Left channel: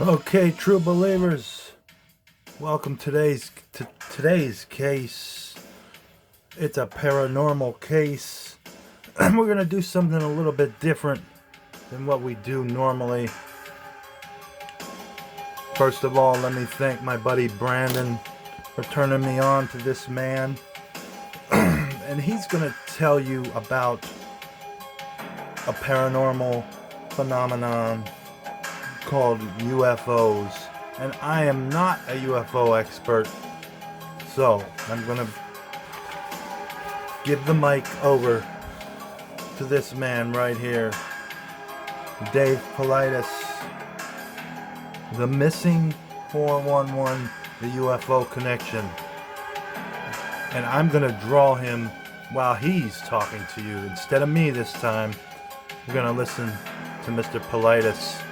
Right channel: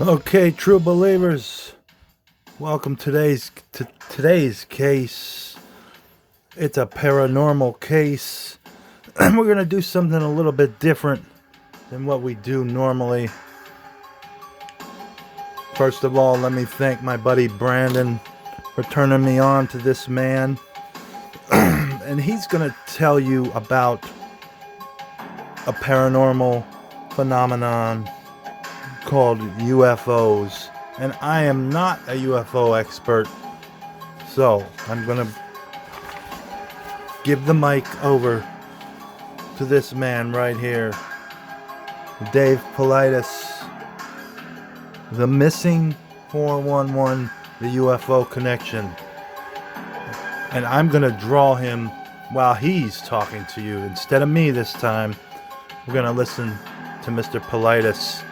Okay, true believers, welcome to today's case. It's a paranormal case, and we're gonna do something a little bit different than what we do normally. First of all, let me thank my buddy Brandon for turning me on to this man, and he's gonna tell you about a paranormal phenomenon called UFOs. And I am not a UFO expert, so I'm gonna give the mic over to this man right here, Dave Paulides, the missing 411, the UFO connection. And I'm gonna draw him while he's talking to you instead of me this time. We're gonna listen to Mr. Paulides.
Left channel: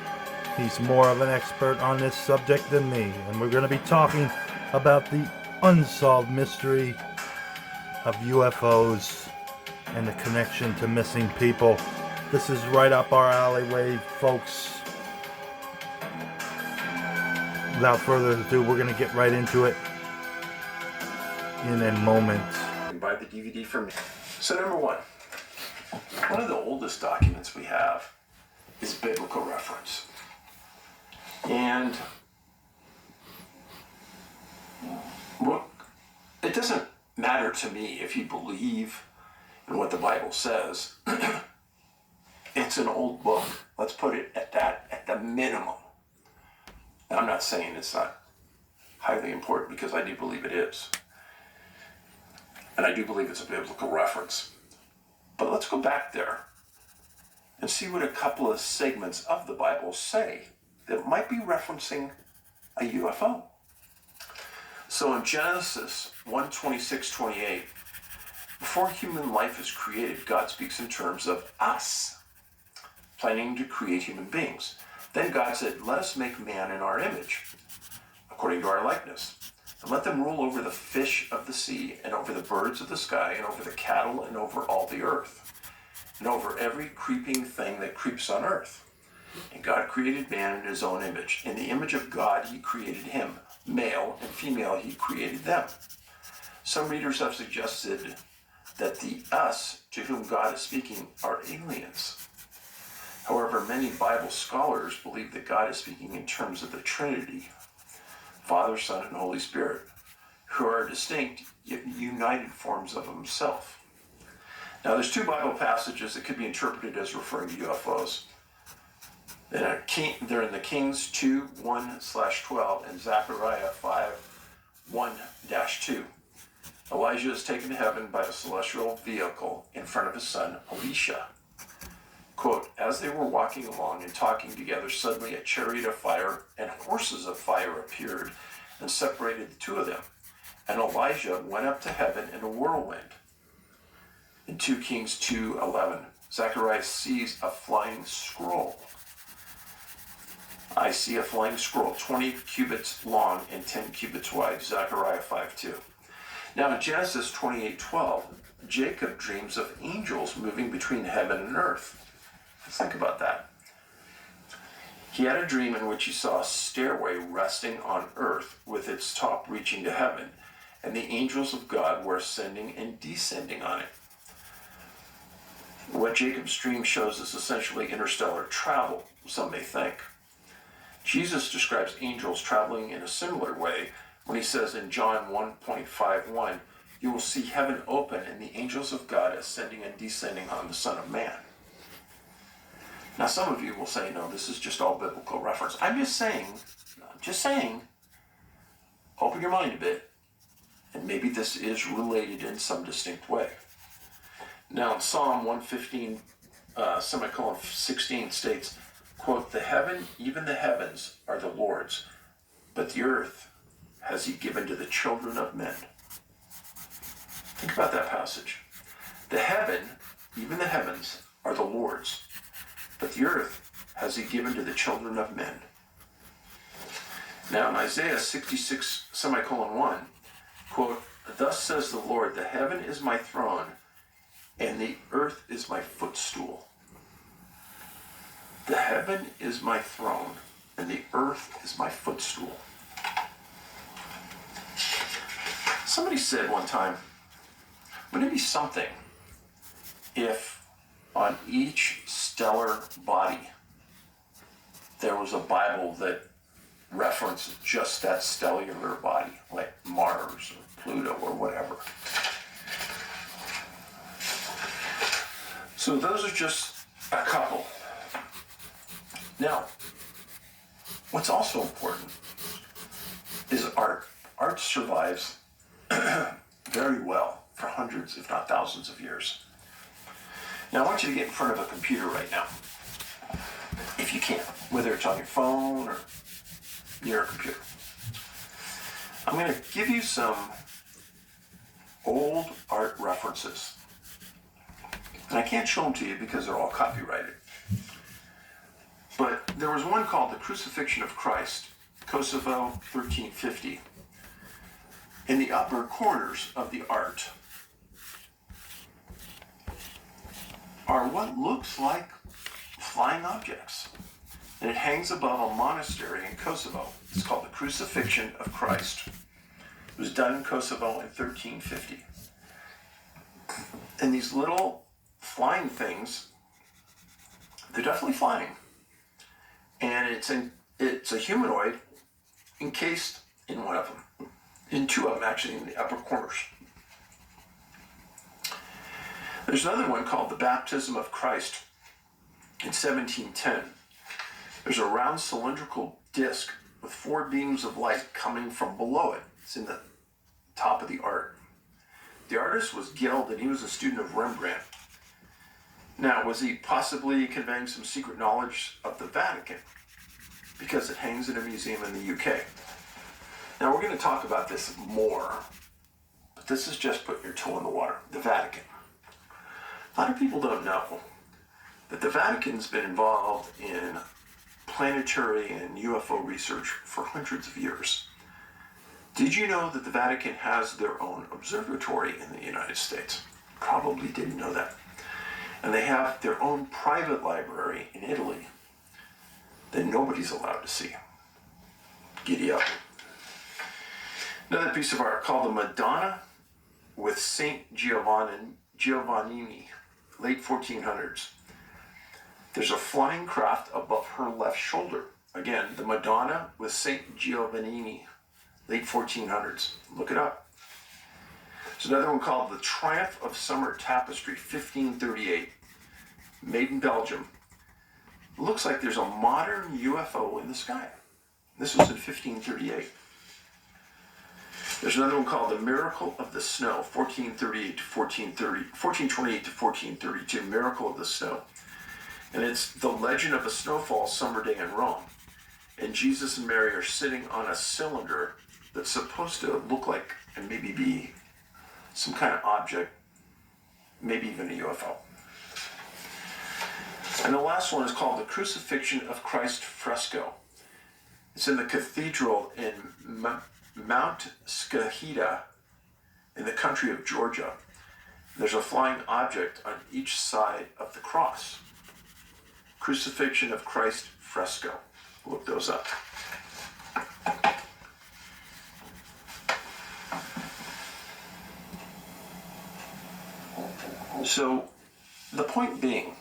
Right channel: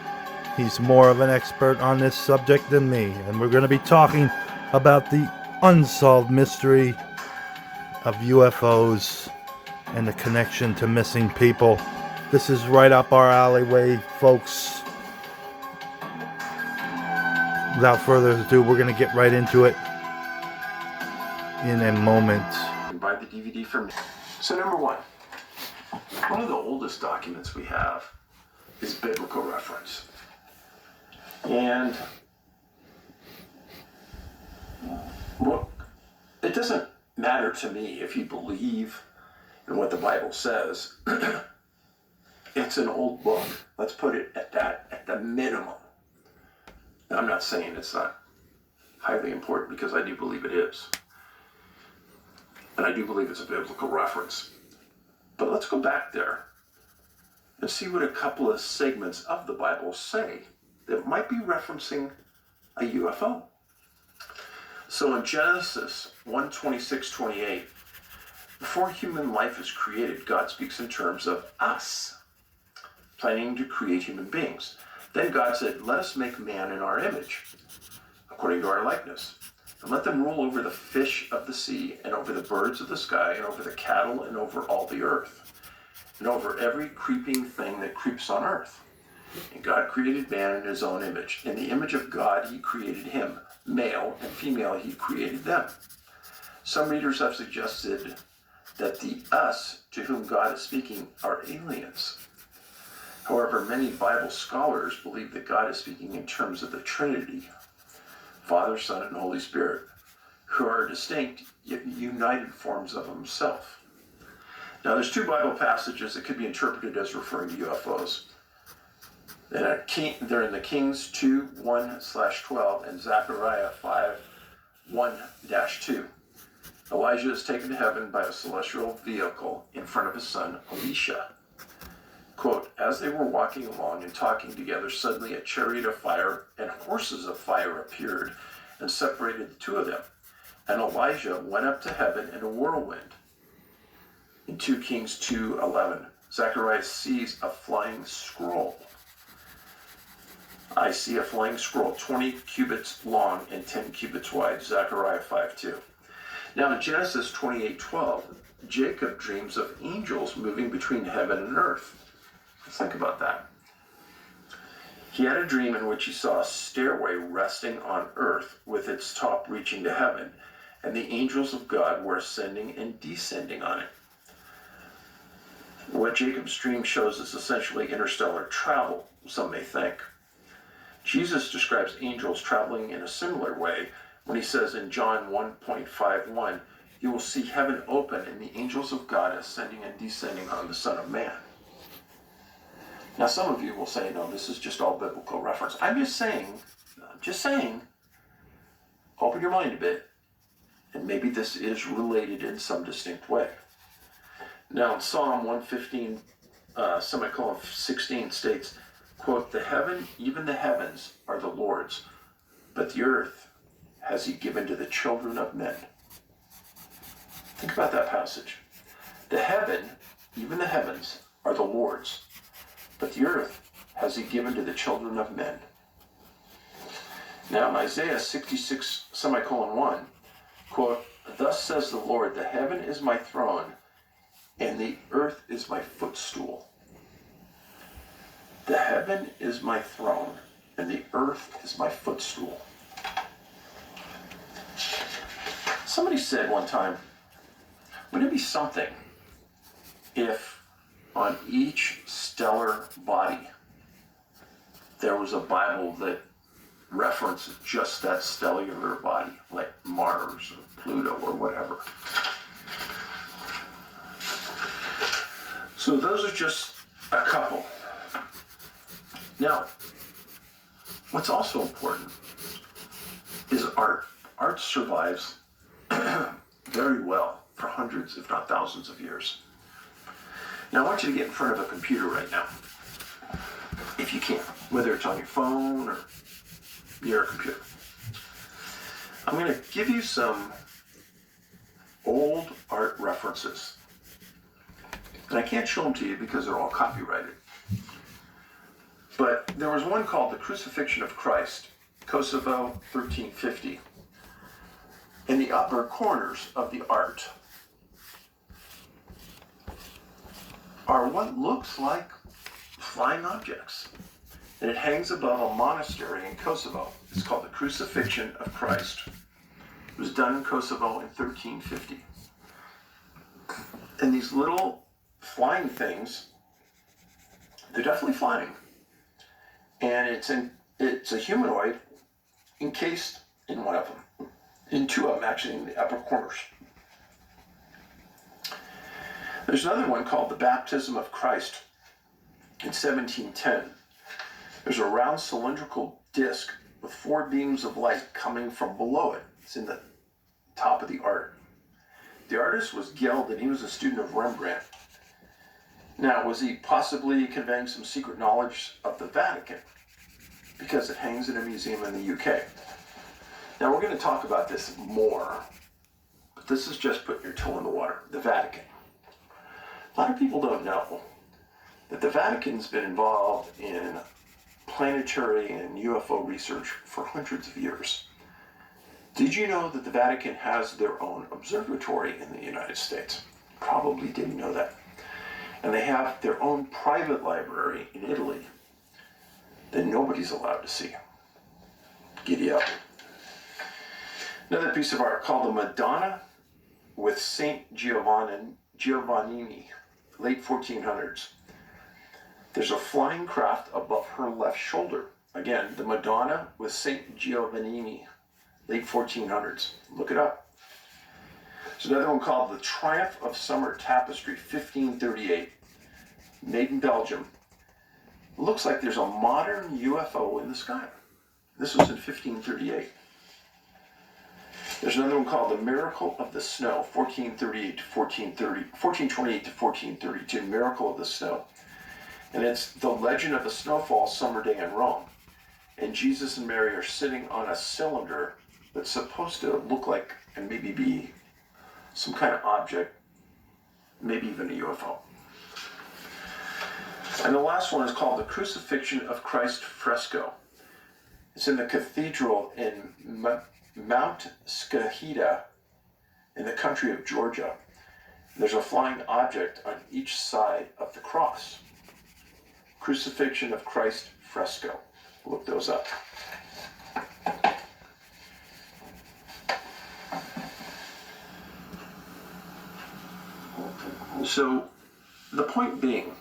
He's more of an expert on this subject than me, and we're gonna be talking about the unsolved mystery of UFOs and the connection to missing people. This is right up our alleyway, folks. Without further ado, we're going to get right into it in a moment. Buy the DVD from me. So number one of the oldest documents we have is biblical reference. And look, it doesn't matter to me if you believe in what the Bible says. It's an old book. Let's put it at that, at the minimum. Now, I'm not saying it's not highly important, because I do believe it is. And I do believe it's a biblical reference. But let's go back there and see what a couple of segments of the Bible say that might be referencing a UFO. So in Genesis 1:26-28, before human life is created, God speaks in terms of us, planning to create human beings. Then God said, "Let us make man in our image, according to our likeness, and let them rule over the fish of the sea, and over the birds of the sky, and over the cattle, and over all the earth, and over every creeping thing that creeps on earth." And God created man in his own image. In the image of God he created him. Male and female he created them. Some readers have suggested that the us to whom God is speaking are aliens. However, many Bible scholars believe that God is speaking in terms of the Trinity, Father, Son, and Holy Spirit, who are distinct yet united forms of himself. Now, there's two Bible passages that could be interpreted as referring to UFOs. They're in the Kings 2:1-12 and Zechariah 5:1-2. Elijah is taken to heaven by a celestial vehicle in front of his son Elisha. Quote, "As they were walking along and talking together, suddenly a chariot of fire and horses of fire appeared and separated the two of them. And Elijah went up to heaven in a whirlwind." In 2 Kings 2:11, Zechariah sees a flying scroll. "I see a flying scroll, 20 cubits long and 10 cubits wide," Zechariah 5:2. Now in Genesis 28:12, Jacob dreams of angels moving between heaven and earth. Let's think about that. He had a dream in which he saw a stairway resting on earth with its top reaching to heaven, and the angels of God were ascending and descending on it. What Jacob's dream shows is essentially interstellar travel, some may think. Jesus describes angels traveling in a similar way when he says in John 1:51, "You will see heaven open and the angels of God ascending and descending on the Son of Man." Now, some of you will say, no, this is just all biblical reference. I'm just saying, open your mind a bit, and maybe this is related in some distinct way. Now, in Psalm 115, semicolon 16 states, quote, "Even the heavens are the Lord's, but the earth has he given to the children of men." Think about that passage. Even the heavens are the Lord's, but the earth has he given to the children of men. Now in Isaiah 66, semicolon 1, quote, "Thus says the Lord, the heaven is my throne, and the earth is my footstool." The heaven is my throne, and the earth is my footstool. Somebody said one time, wouldn't it be something if on each stellar body there was a Bible that referenced just that stellar body, like Mars or Pluto or whatever? So those are just a couple. Now, what's also important is art. Art survives very well for hundreds, if not thousands of years. Now, I want you to get in front of a computer right now, if you can, whether it's on your phone or near a computer. I'm going to give you some old art references. And I can't show them to you because they're all copyrighted. But there was one called The Crucifixion of Christ, Kosovo, 1350. In the upper corners of the art are what looks like flying objects. And it hangs above a monastery in Kosovo. It's called The Crucifixion of Christ. It was done in Kosovo in 1350. And these little flying things, they're definitely flying. And it's a humanoid encased in one of them. In two of them, actually, in the upper corners. There's another one called The Baptism of Christ in 1710. There's a round cylindrical disc with 4 beams of light coming from below it. It's in the top of the art. The artist was Geld, and he was a student of Rembrandt. Now, was he possibly conveying some secret knowledge of the Vatican? Because it hangs in a museum in the UK. Now, we're going to talk about this more, but this is just putting your toe in the water. The Vatican. A lot of people don't know that the Vatican's been involved in planetary and UFO research for hundreds of years. Did you know that the Vatican has their own observatory in the United States? Probably didn't know that. And they have their own private library in Italy that nobody's allowed to see. Giddy up. Another piece of art called the Madonna with Saint Giovannini, late 1400s. There's a flying craft above her left shoulder. Again, the Madonna with Saint Giovannini, late 1400s. Look it up. There's another one called The Triumph of Summer Tapestry, 1538, made in Belgium. Looks like there's a modern UFO in the sky. This was in 1538. There's another one called The Miracle of the Snow, 1428 to 1432, Miracle of the Snow. And it's the legend of a snowfall summer day in Rome. And Jesus and Mary are sitting on a cylinder that's supposed to look like, and maybe be, some kind of object, maybe even a UFO. And the last one is called The Crucifixion of Christ fresco. It's in the cathedral in Mount Skahita in the country of Georgia. There's a flying object on each side of the cross. Crucifixion of Christ fresco. Look those up. So, the point being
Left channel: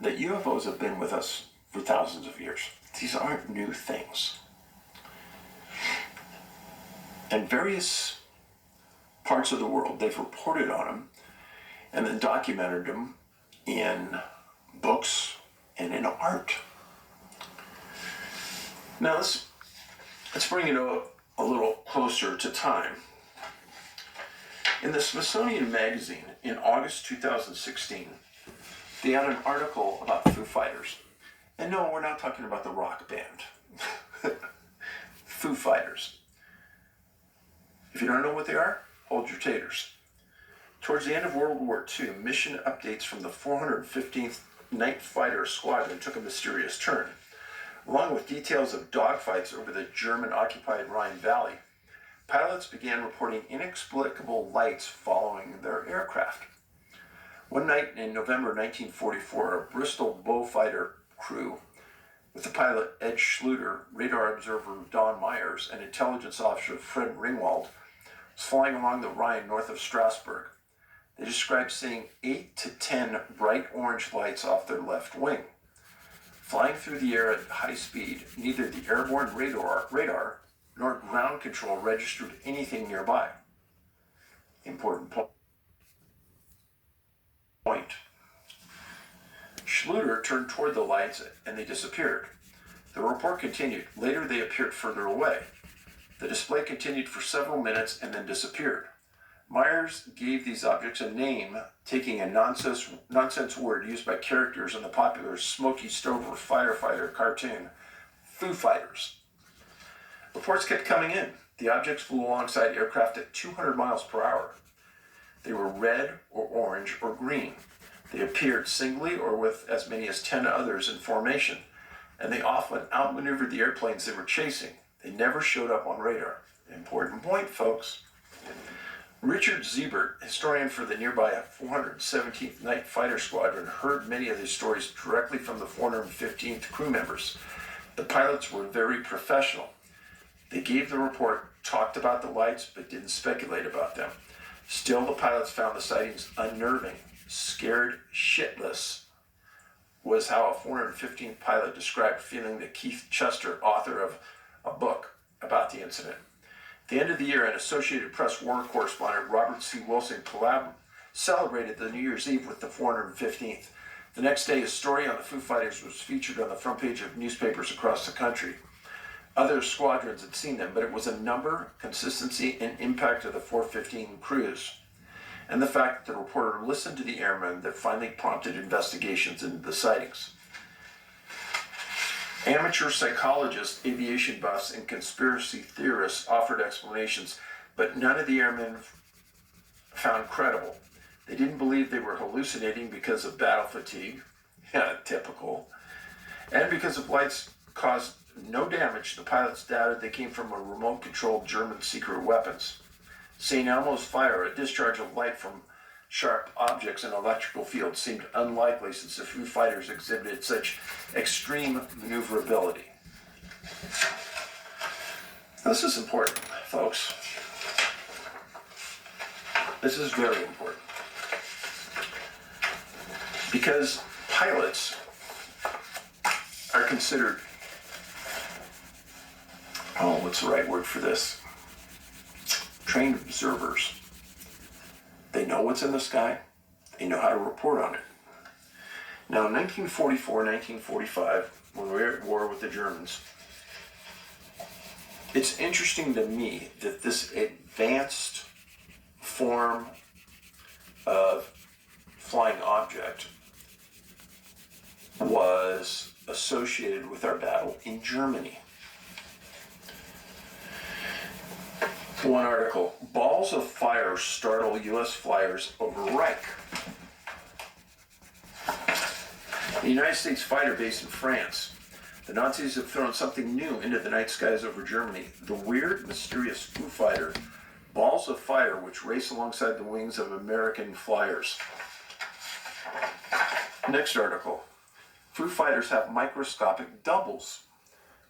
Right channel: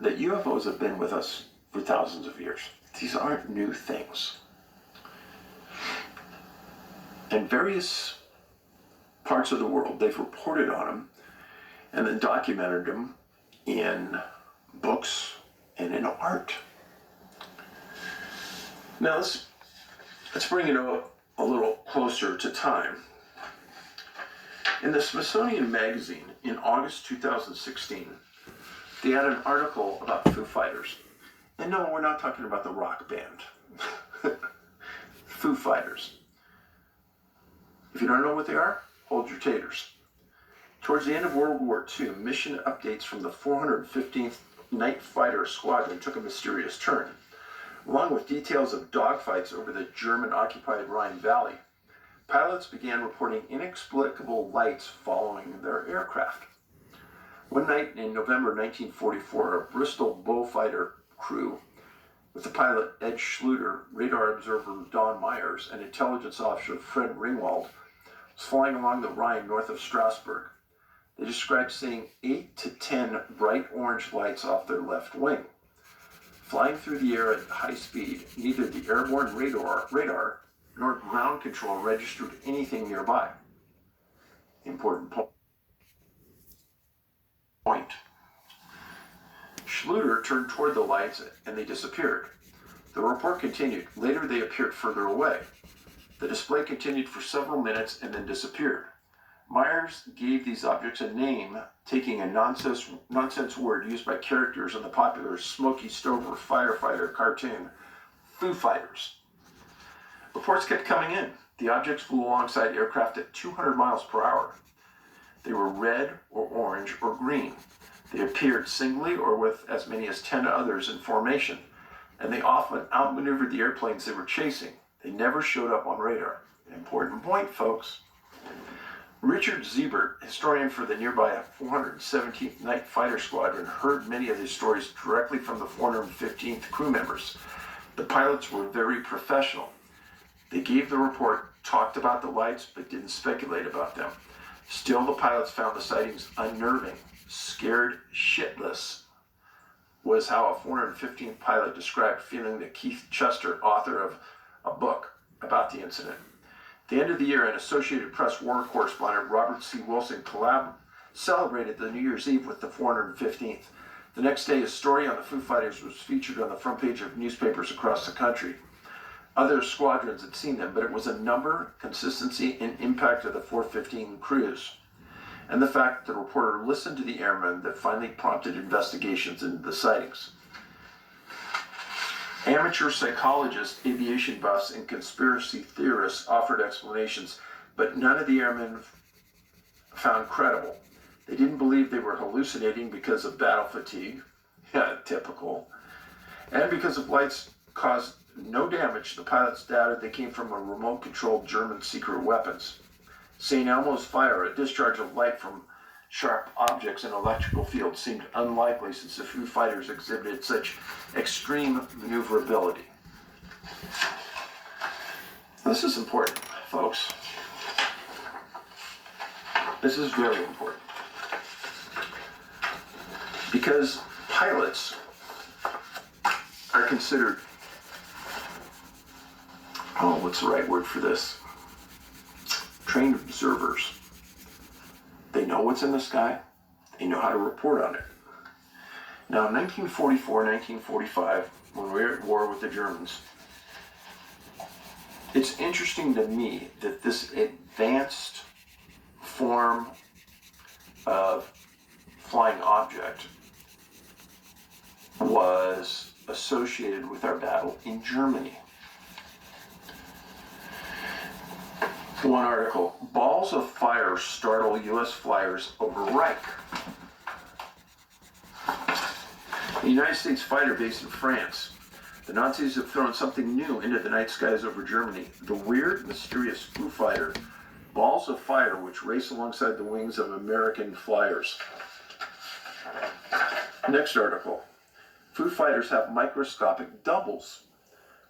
that UFOs have been with us for thousands of years. These aren't new things. In various parts of the world, they've reported on them and then documented them in books and in art. Now, let's bring it a little closer to time. In the Smithsonian Magazine in August 2016, they had an article about Foo Fighters. And no, we're not talking about the rock band. Foo Fighters. If you don't know what they are, hold your taters. Towards the end of World War II, mission updates from the 415th Night Fighter Squadron took a mysterious turn. Along with details of dogfights over the German-occupied Rhine Valley, pilots began reporting inexplicable lights following their aircraft. One night in November 1944, a Bristol Beaufighter crew with the pilot Ed Schluter, radar observer Don Myers, and intelligence officer Fred Ringwald, was flying along the Rhine north of Strasbourg. They described seeing 8 to 10 bright orange lights off their left wing. Flying through the air at high speed, neither the airborne radar nor ground control registered anything nearby. Important point. Schluter turned toward the lights and they disappeared. The report continued. Later they appeared further away. The display continued for several minutes and then disappeared. Myers gave these objects a name, taking a nonsense word used by characters in the popular Smokey Stover firefighter cartoon, Foo Fighters. Reports kept coming in. The objects flew alongside aircraft at 200 miles per hour. They were red or orange or green. They appeared singly or with as many as 10 others in formation, and they often outmaneuvered the airplanes they were chasing. They never showed up on radar. Important point, folks. Richard Siebert, historian for the nearby 417th Night Fighter Squadron, heard many of these stories directly from the 415th crew members. The pilots were very professional. They gave the report, talked about the lights, but didn't speculate about them. Still, the pilots found the sightings unnerving. Scared shitless was how a 415th pilot described feeling that Keith Chester, author of a book about the incident. At the end of the year, an Associated Press war correspondent, Robert C. Wilson, celebrated the New Year's Eve with the 415th. The next day, a story on the Foo Fighters was featured on the front page of newspapers across the country. Other squadrons had seen them, but it was a number, consistency, and impact of the 415 crews, and the fact that the reporter listened to the airmen that finally prompted investigations into the sightings. Amateur psychologists, aviation buffs, and conspiracy theorists offered explanations, but none of the airmen found credible. They didn't believe they were hallucinating because of battle fatigue, typical, and because of lights caused no damage. The pilots doubted they came from a remote-controlled German secret weapons. St. Elmo's fire, a discharge of light from sharp objects in electrical fields, seemed unlikely since the Foo Fighters exhibited such extreme maneuverability. This is important, folks. This is very important. Because pilots are considered, what's the right word for this? Trained observers. They know what's in the sky. They know how to report on it. Now, in 1944, 1945, when we were at war with the Germans, it's interesting to me that this advanced form of flying object was associated with our battle in Germany. One article, balls of fire startle U.S. flyers over Reich. The United States fighter base in France. The Nazis have thrown something new into the night skies over Germany. The weird, mysterious Foo Fighter, balls of fire which race alongside the wings of American flyers. Next article, Foo Fighters have microscopic doubles.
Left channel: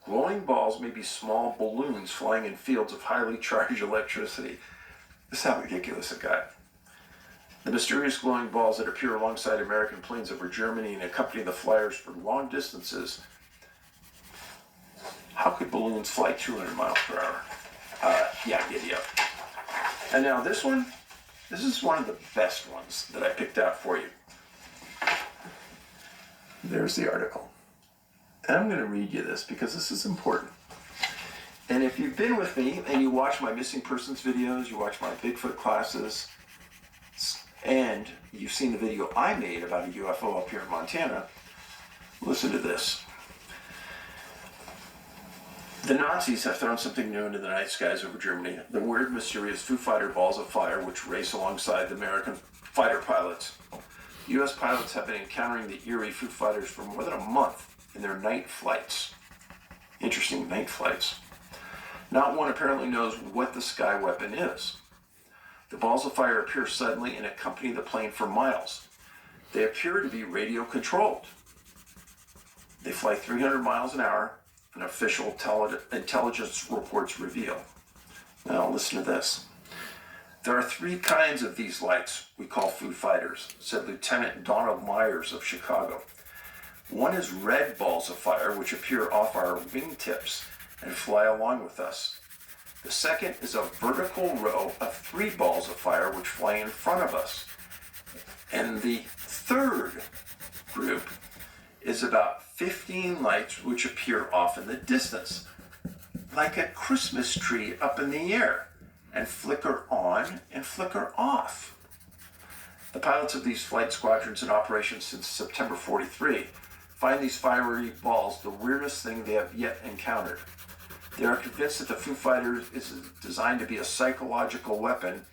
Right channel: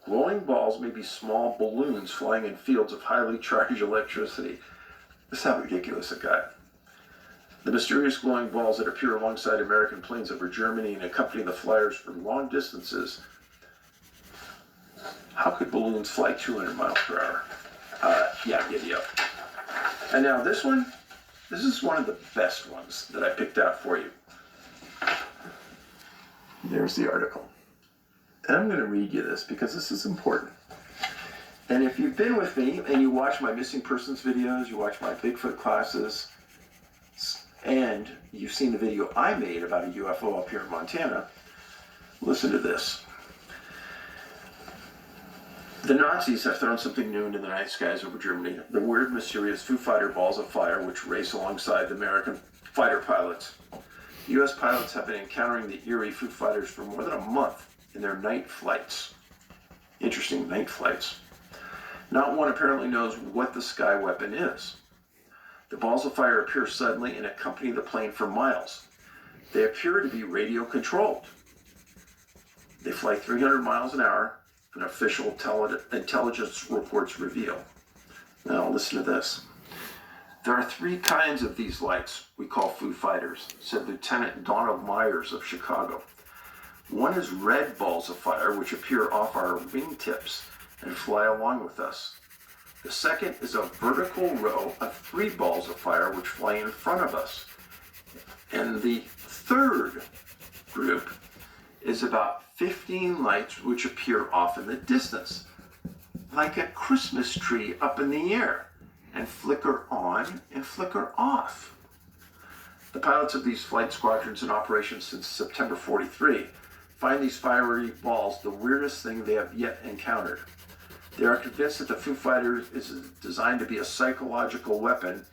Glowing balls may be small balloons flying in fields of highly charged electricity. This is how ridiculous it got. The mysterious glowing balls that appear alongside American planes over Germany and accompany the flyers for long distances. How could balloons fly 200 miles per hour? Giddy up. And now this is one of the best ones that I picked out for you. There's the article. And I'm going to read you this because this is important. And if you've been with me and you watch my missing persons videos, you watch my Bigfoot classes, and you've seen the video I made about a UFO up here in Montana, listen to this. The Nazis have thrown something new into the night skies over Germany. The weird, mysterious Foo Fighter balls of fire which race alongside the American fighter pilots. U.S. pilots have been encountering the eerie Foo Fighters for more than a month in their night flights. Interesting, night flights. Not one apparently knows what the sky weapon is. The balls of fire appear suddenly and accompany the plane for miles. They appear to be radio controlled. They fly 300 miles an hour, and official intelligence reports reveal. Now listen to this. There are 3 kinds of these lights we call Foo Fighters, said Lieutenant Donald Myers of Chicago. One is red balls of fire, which appear off our wingtips and fly along with us. The second is a vertical row of 3 balls of fire, which fly in front of us. And the third group is about 15 lights which appear off in the distance, like a Christmas tree up in the air, and flicker on and flicker off. The pilots of these flight squadrons in operation since September 43 find these fiery balls the weirdest thing they have yet encountered. They are convinced that the Foo Fighters is designed to be a psychological weapon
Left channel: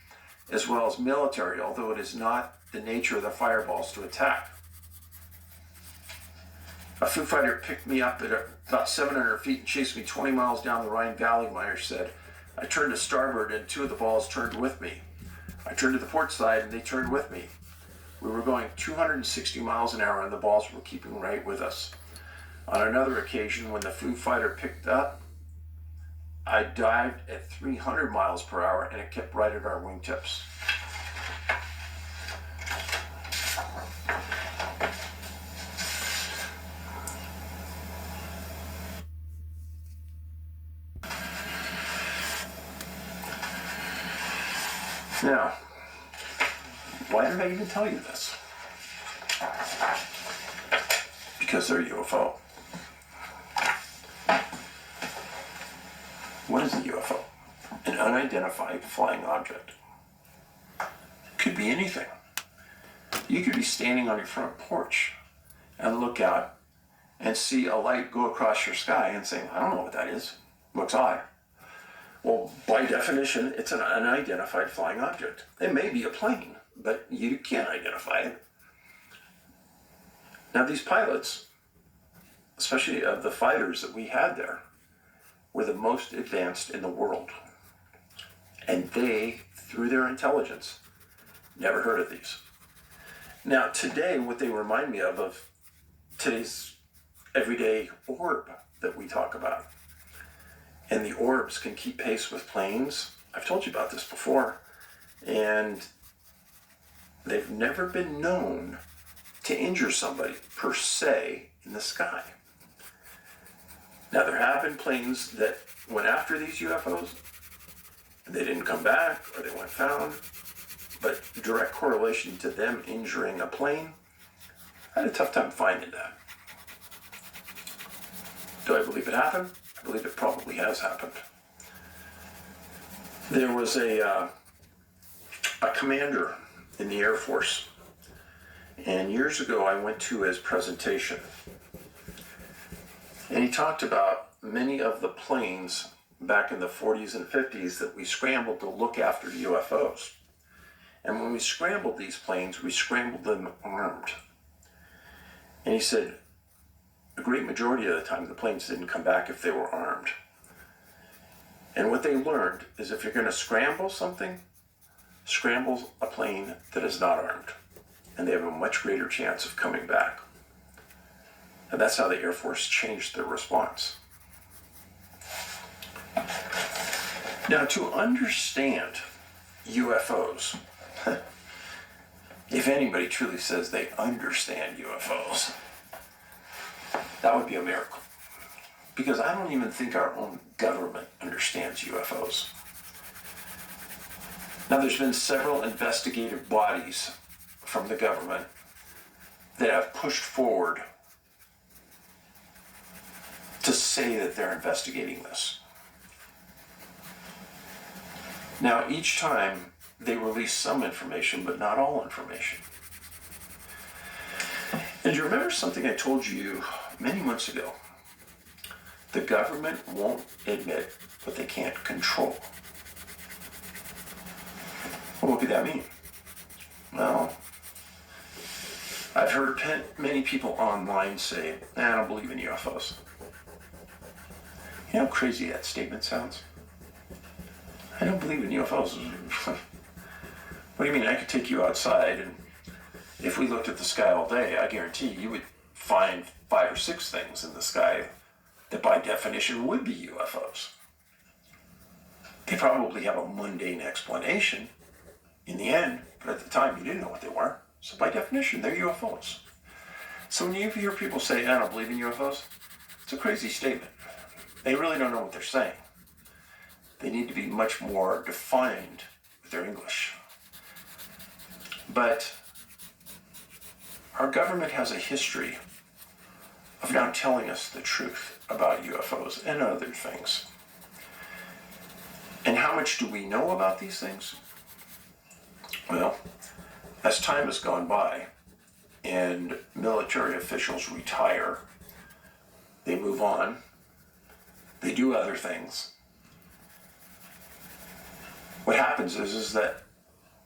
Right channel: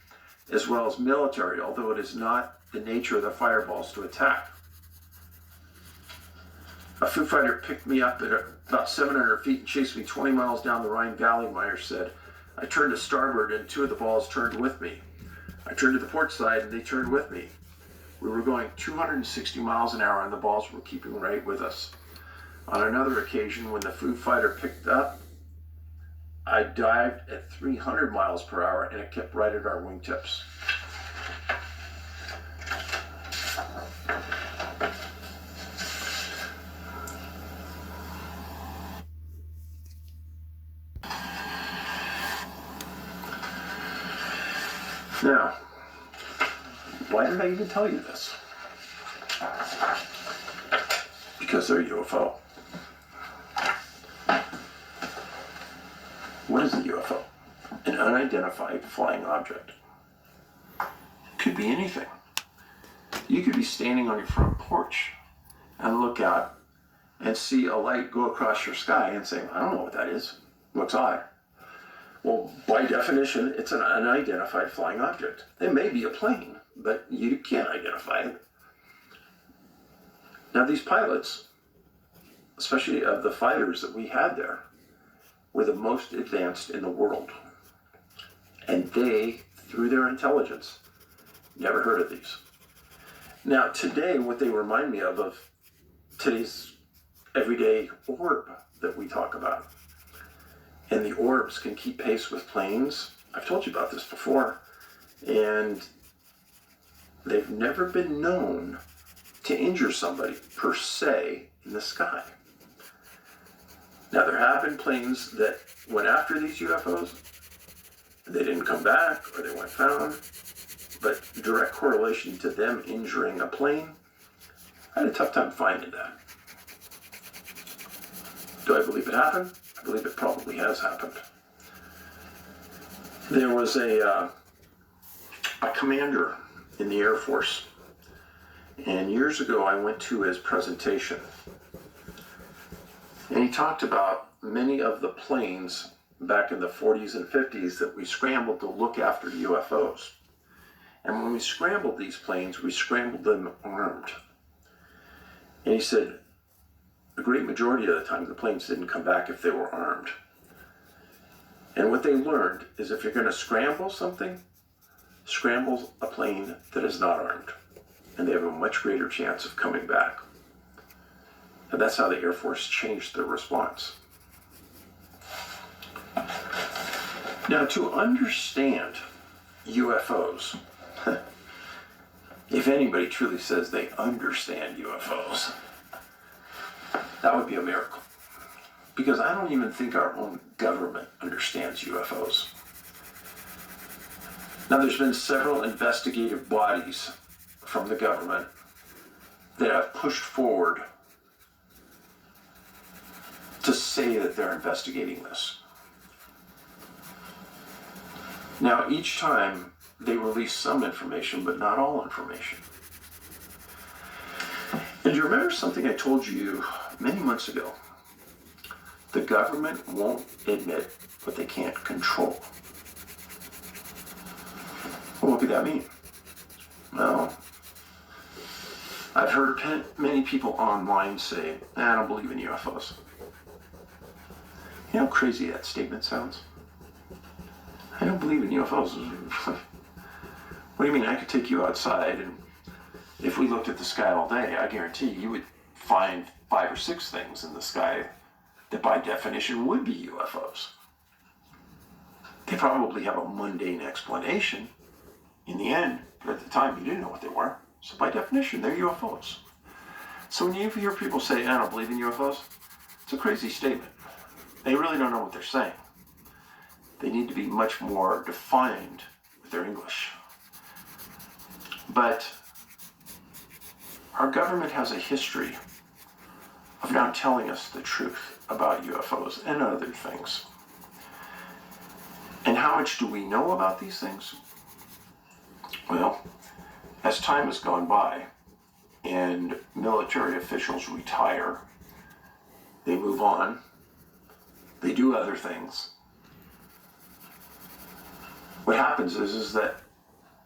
as well as military, although it is not the nature of the fireballs to attack. A Foo Fighter picked me up at about 700 feet and chased me 20 miles down the Rhine Valley, Myers said. I turned to starboard and 2 of the balls turned with me. I turned to the port side and they turned with me. We were going 260 miles an hour and the balls were keeping right with us. On another occasion, when the Foo Fighter picked up, I dived at 300 miles per hour and it kept right at our wingtips. Now, why did I even tell you this? Because they're UFO. What is a UFO? An unidentified flying object. Could be anything. You could be standing on your front porch and look out and see a light go across your sky and say, I don't know what that is. Looks odd. Well, by definition, it's an unidentified flying object. It may be a plane, but you can't identify it. Now, these pilots, especially of the fighters that we had there, were the most advanced in the world. And they, through their intelligence, never heard of these. Now, today, what they remind me of today's everyday orb that we talk about. And the orbs can keep pace with planes. I've told you about this before. And they've never been known to injure somebody, per se, in the sky. Now, there have been planes that went after these UFOs. They didn't come back, or they weren't found. But direct correlation to them injuring a plane, I had a tough time finding that. Do I believe it happened? I believe it probably has happened. There was a commander in the Air Force, and years ago I went to his presentation, and he talked about many of the planes back in the 40s and 50s that we scrambled to look after UFOs. And when we scrambled these planes, we scrambled them armed. And he said, a great majority of the time, the planes didn't come back if they were armed. And what they learned is if you're going to scramble something, scramble a plane that is not armed. And they have a much greater chance of coming back. And that's how the Air Force changed their response. Now, to understand UFOs, if anybody truly says they understand UFOs, that would be a miracle. Because I don't even think our own government understands UFOs. Now, there's been several investigative bodies from the government that have pushed forward to say that they're investigating this. Now, each time they release some information, but not all information. And you remember something I told you many months ago? The government won't admit what they can't control. Well, what could that mean? Well, I've heard many people online say, I don't believe in UFOs. You know how crazy that statement sounds? I don't believe in UFOs. What do you mean? I could take you outside, and if we looked at the sky all day, I guarantee you would find 5 or 6 things in the sky that by definition would be UFOs. They probably have a mundane explanation in the end, but at the time you didn't know what they were. So by definition, they're UFOs. So when you hear people say, I don't believe in UFOs, it's a crazy statement. They really don't know what they're saying. They need to be much more defined with their English. But our government has a history of not telling us the truth about UFOs and other things. And how much do we know about these things? Well, as time has gone by and military officials retire, they move on, they do other things. What happens is that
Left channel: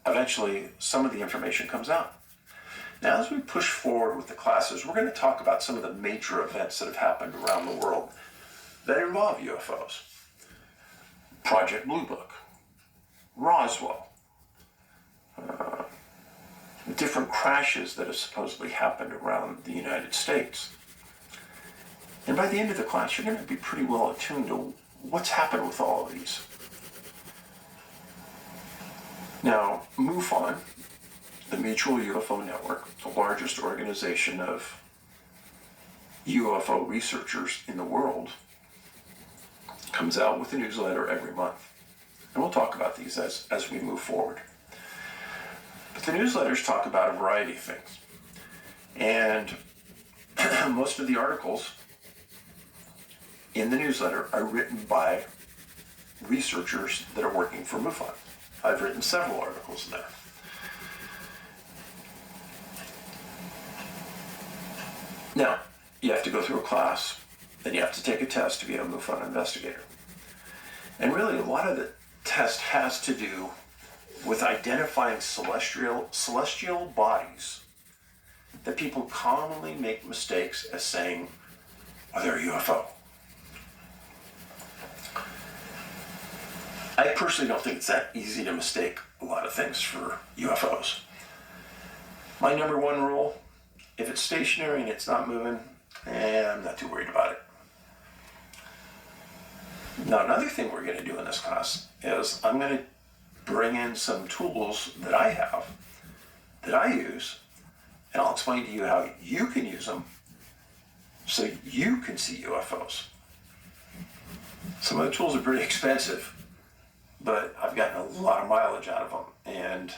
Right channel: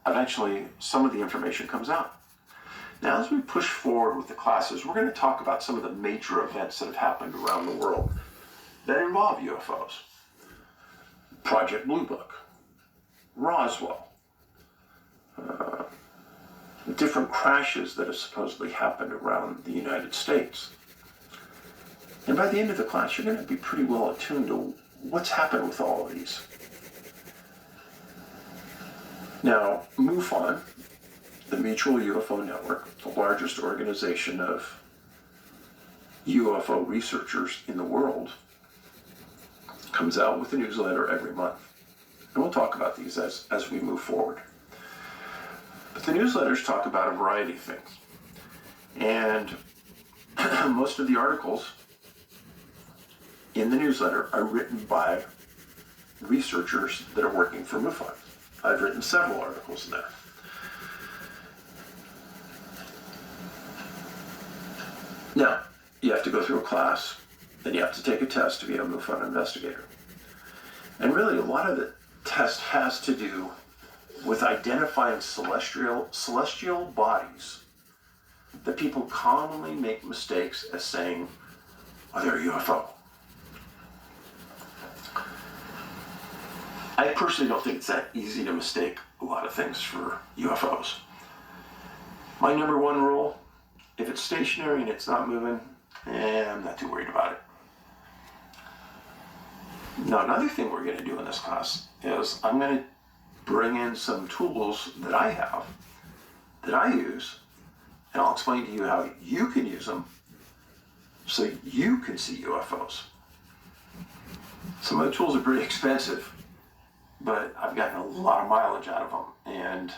eventually some of the information comes out. Now, as we push forward with the classes, we're going to talk about some of the major events that have happened around the world that involve UFOs. Project Blue Book, Roswell, different crashes that have supposedly happened around the United States. And by the end of the class, you're going to be pretty well attuned to what's happened with all of these. Now, MUFON, the Mutual UFO Network, the largest organization of UFO researchers in the world, comes out with a newsletter every month. And we'll talk about these as we move forward. But the newsletters talk about a variety of things. And most of the articles in the newsletter are written by researchers that are working for MUFON. I've written several articles in there. Now, you have to go through a class, then you have to take a test to be a MUFON investigator. And really, a lot of the test has to do with identifying celestial bodies that people commonly make mistakes as saying, oh, they're a UFO. I personally don't think it's that easy to mistake a lot of things for UFOs. My number one rule, if it's stationary and it's not moving, I'm not too worried about it. Now, another thing we're going to do in this class is I'm going to bring in some tools that I have, that I use, and I'll explain to you how you can use them so you can see UFOs. Some of the tools are pretty expensive, but I've gotten a lot of mileage out of them. And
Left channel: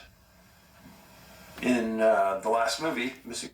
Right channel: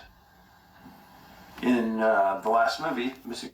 in the last movie, Missing